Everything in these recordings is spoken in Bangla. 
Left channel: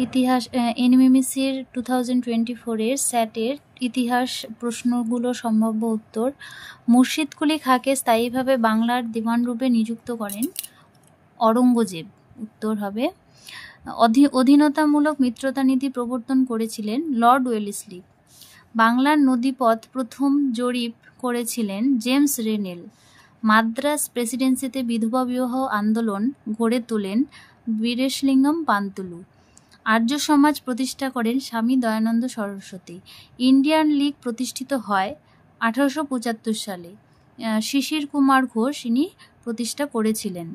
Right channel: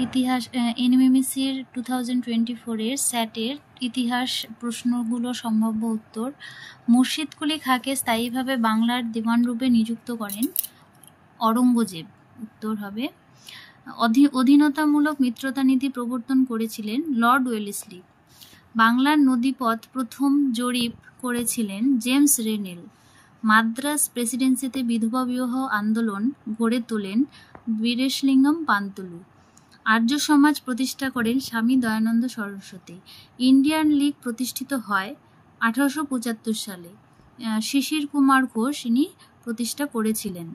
ইতিহাস এনএমএমএসির 2024-এর স্যাটের ইতিহাস প্রশ্নগুলো সম্ভাব্য উত্তর। মুর্শিদ কুলি খাঁকে স্থায়ীভাবে বাংলার দিওয়ানরূপে নিযুক্ত করেন অরঙ্গজেব। উত্তর হবে। অধীনতামূলক মিত্রতা নীতি প্রবর্তন করেছিলেন লর্ড ওয়েলেসলি। বাংলার নদীপথ প্রথম জরিপ করেছিলেন জেমস রেনেল। মাদ্রাজ প্রেসিডেন্সিতে বিধবা বিবাহ আন্দোলন গড়ে তোলেন বীরেশলিঙ্গম পান্তুলু। আর্য সমাজ প্রতিষ্ঠা করেন স্বামী দয়ানন্দ সরস্বতী। ইন্ডিয়ান লীগ প্রতিষ্ঠিত হয় 1875 সালে। শিশির কুমার ঘোষ ইনি প্রতিষ্ঠা করেছিলেন।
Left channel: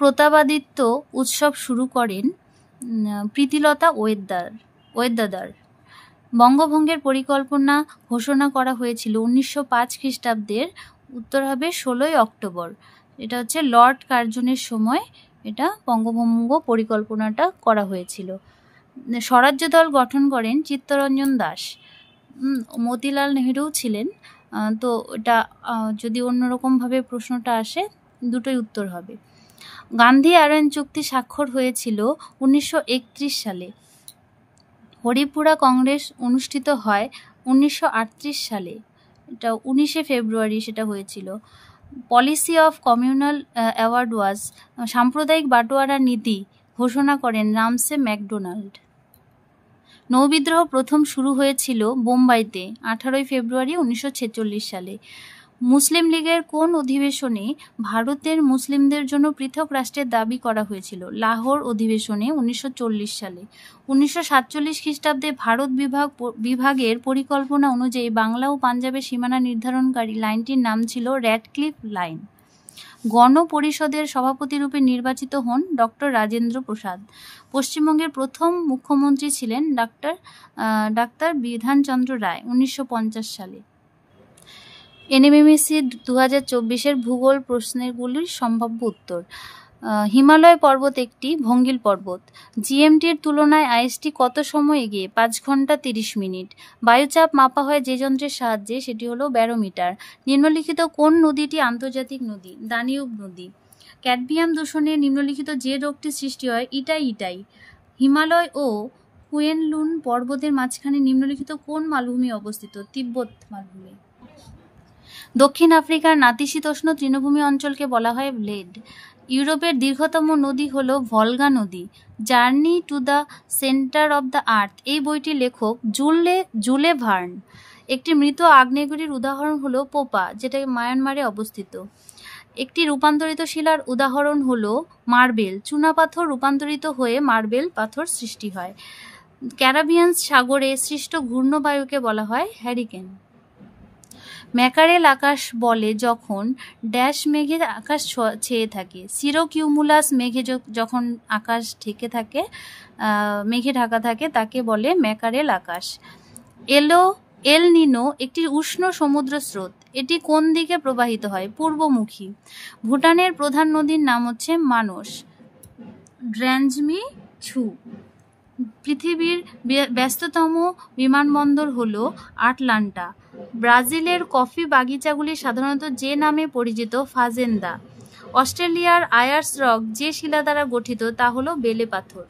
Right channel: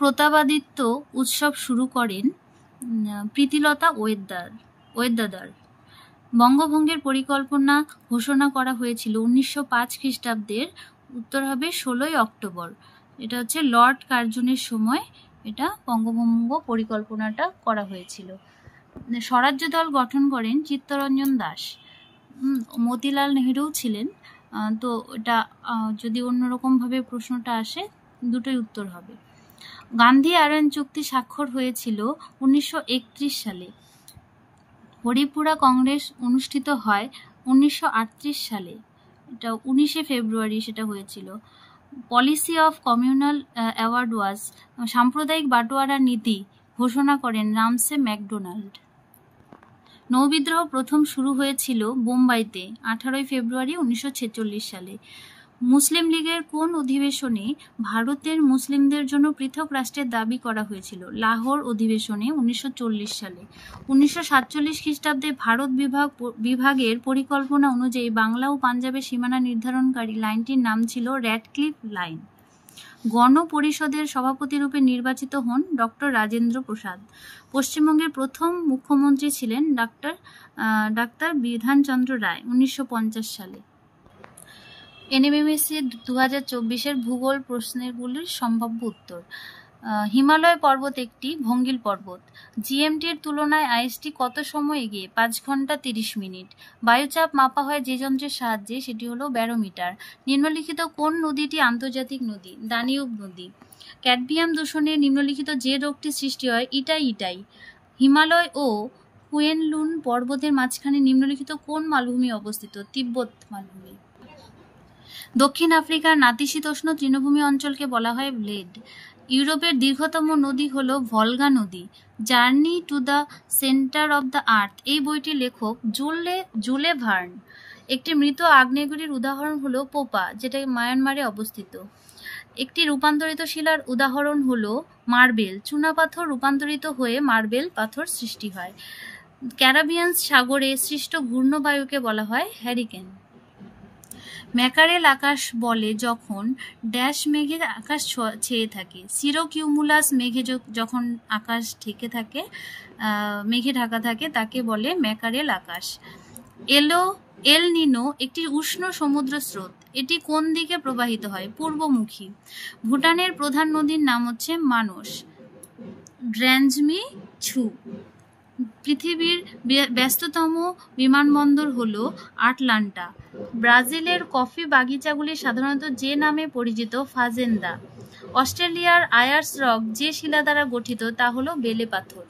প্রতাপাদিত্য উৎসব শুরু করেন প্রীতিলতা ওয়েদ্দাদার। বঙ্গভঙ্গের পরিকল্পনা ঘোষণা করা হয়েছিল 1905 খ্রিস্টাব্দের। উত্তর হবে 16 অক্টোবর। এটা হচ্ছে লর্ড কার্জনের সময় এটা বঙ্গভঙ্গ পরিকল্পনাটা করা হয়েছিল। স্বরাজ্য দল গঠন করেন চিত্তরঞ্জন দাস। মতিলাল নেহেরু ছিলেন। তো এটা যদি অন্যরকমভাবে প্রশ্নটা আসে দুটোই উত্তর হবে। গান্ধী আরান চুক্তি স্বাক্ষর হয়েছিল 1931 সালে। হরিপুরা কংগ্রেস অনুষ্ঠিত হয় 1938 সালে। এটা 19 ফেব্রুয়ারি সেটা হয়েছিল। পলিসি অফ কমিউনাল অ্যাওয়ার্ড ওয়াজ সাম্প্রদায়িক বাটোয়ারা নীতি ঘোষণা করেন রামসে ম্যাকডোনাল্ড। নৌবিদ্রোহ প্রথম শুরু হয়েছিল বোম্বাইতে 18 ফেব্রুয়ারি 1946 সালে। মুসলিম লীগের কোন অধিবেশনে ভারতের মুসলিমদের জন্য পৃথক রাষ্ট্রের দাবি করা হয়েছিল? লাহোর অধিবেশনে 1940 সালে। 1947 খ্রিস্টাব্দে ভারত বিভাগের পরিকল্পনা অনুযায়ী বাংলা ও পাঞ্জাবের সীমানা নির্ধারণকারী লাইনটির নাম ছিল র্যাডক্লিফ লাইন। গণপরিষদের সভাপতিরূপে নির্বাচিত হন ডক্টর রাজেন্দ্র প্রসাদ। পশ্চিমবঙ্গের প্রথম মুখ্যমন্ত্রী ছিলেন ডাক্তার বিধানচন্দ্র রায় 1950 সালে। এনএমএমএসি 2024-এর ভূগোল প্রশ্নগুলির সম্ভাব্য উত্তর। হিমালয় পর্বত একটি ভঙ্গিল পর্বত। জিএমটির তুলনায় আইএসটি কত সময় এগিয়ে? 5 ঘন্টা 30 মিনিট। বায়ুচাপ মাপা হয় যে যন্ত্রের সাহায্যে, সেটি হলো ব্যারোমিটার। নিম্নলিখিত কোন নদীটি আন্তর্জাতিক নদী? দানিউব নদী। ক্যাডমিয়াম দূষণে নিম্নলিখিত যে রোগটি সৃষ্টি হয়? ইটাই। হিমালয় ও কুয়েনলুন পর্বতের মাঝখানে নিম্নলিখিত কোন মালভূমি অবস্থিত? তিব্বত মালভূমি। দক্ষিণ আফ্রিকার নাতিশীতোষ্ণ তৃণভূমি অঞ্চলকে বলা হয় ব্লেড। ইউরোপের দীর্ঘতম নদী হল ভলগা নদী। Journey to the centre of the earth এই বইটির লেখক জুলে ভার্ন। একটি মৃত আগ্নেয়গিরির উদাহরণ হলো পোপা, যেটা মায়ানমারে অবস্থিত। একটি রূপান্তরিত শিলার উদাহরণ হলো মার্বেল। চুনাপাথর রূপান্তরিত হয়ে মার্বেল পাথর সৃষ্টি হয়। ক্যারিবিয়ান সাগরে সৃষ্ট ঘূর্ণবায়ুকে বলা হয় হ্যারিকেন। ম্যাকারেল আকাশ বলে যখন ড্যাশ মেঘের আকাশ ছেয়ে থাকে। সিরোকিউমুলাস মেঘে যখন আকাশ মেঘে ঢাকা থাকে তাকে বলে ম্যাকারেল আকাশ। এল নিনো একটি উষ্ণ সমুদ্র স্রোত। এটি কোন দিকে প্রবাহিত হয়? পূর্বমুখী। ভুটানের প্রধান নদীর নাম হচ্ছে মানস। ড্র্যাঞ্জমি ছু। পৃথিবীর ব্যস্ততম বিমানবন্দর হলো আটলান্টা। ব্রাজিলের কফি বাগিচাগুলি সাধারণত যে নামে পরিচিত? ফাজেন্দা। অস্ট্রেলিয়ার আয়ার্স রক যে শিলা দ্বারা গঠিত তা হলো বেলে পাথর।